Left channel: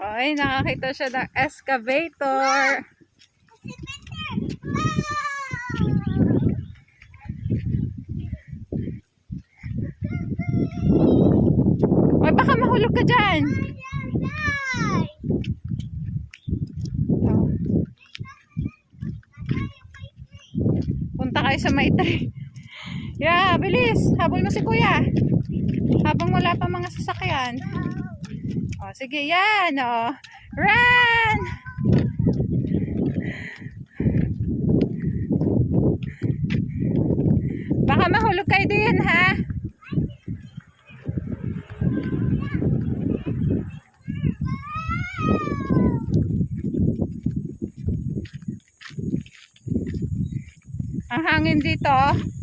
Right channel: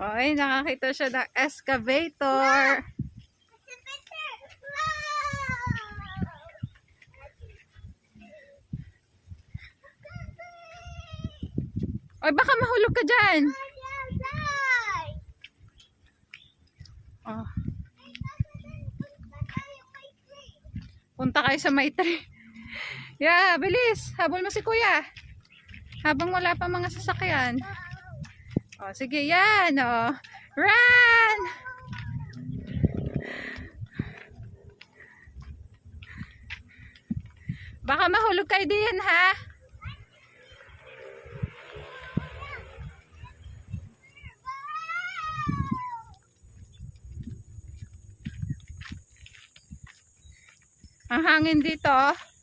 Ay, nakakita siya ng excavator. Ay, baka mahulog ka dyan. Oh. Punta kayo sa Maitre. Yeah, bilis. Habol mo si kuya. Habang wala pa mga sasakyan. Oh, sige, yan. Oh. Run! Baka mahulog kayo din, ha? Ang hangin dito.